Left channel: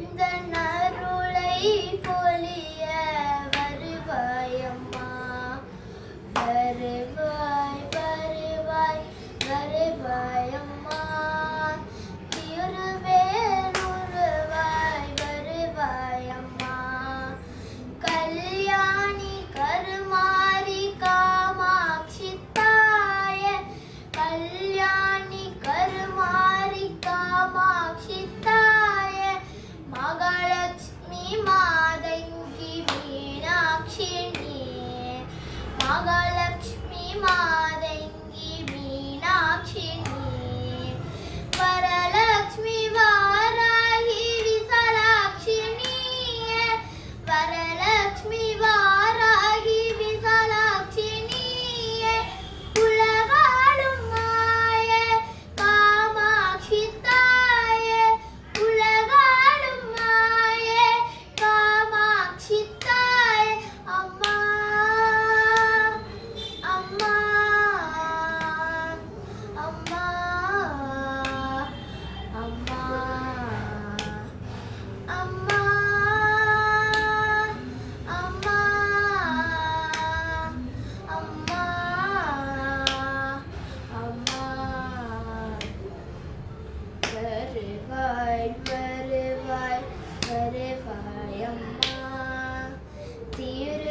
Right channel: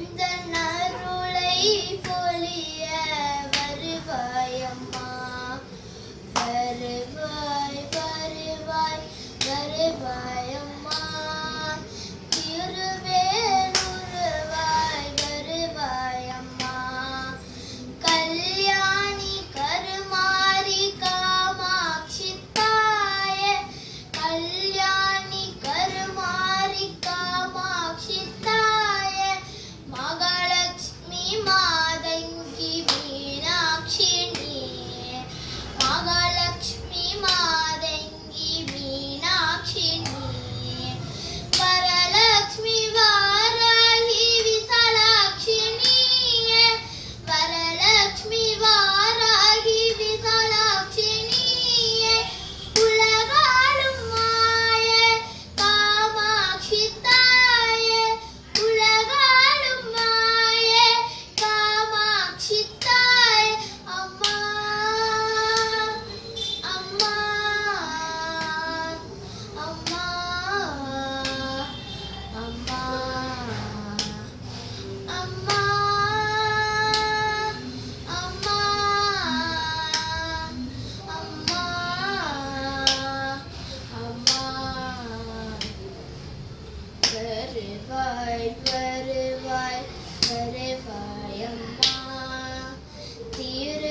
உந்தன் அருளை பொழிய வருவாயம்மா. வருவாய் வருவாய் வருவாயம்மா. திருவேலுருவாய் வருவாயம்மா. கல்யாணி கருமாரி காமாட்சி தாயே. கல்யாணி கருமாரி காமாட்சி தாயே. மகாலட்சுமி மாதங்கி மீனாட்சி நீயே. மகாலட்சுமி மாதங்கி மீனாட்சி நீயே. வரலட்சுமி வாராகி விசாலாட்சி நீயே. வரலட்சுமி வாராகி விசாலாட்சி நீயே. உலகாளும் மாயே காமாட்சி தாயே. உலகாளும் மாயே காமாட்சி தாயே. அம்மா அம்மா அம்மா அம்மா அம்மா அம்மா அம்மா அம்மா. வருவாய் வருவாய் வருவாய் அம்மா. திரு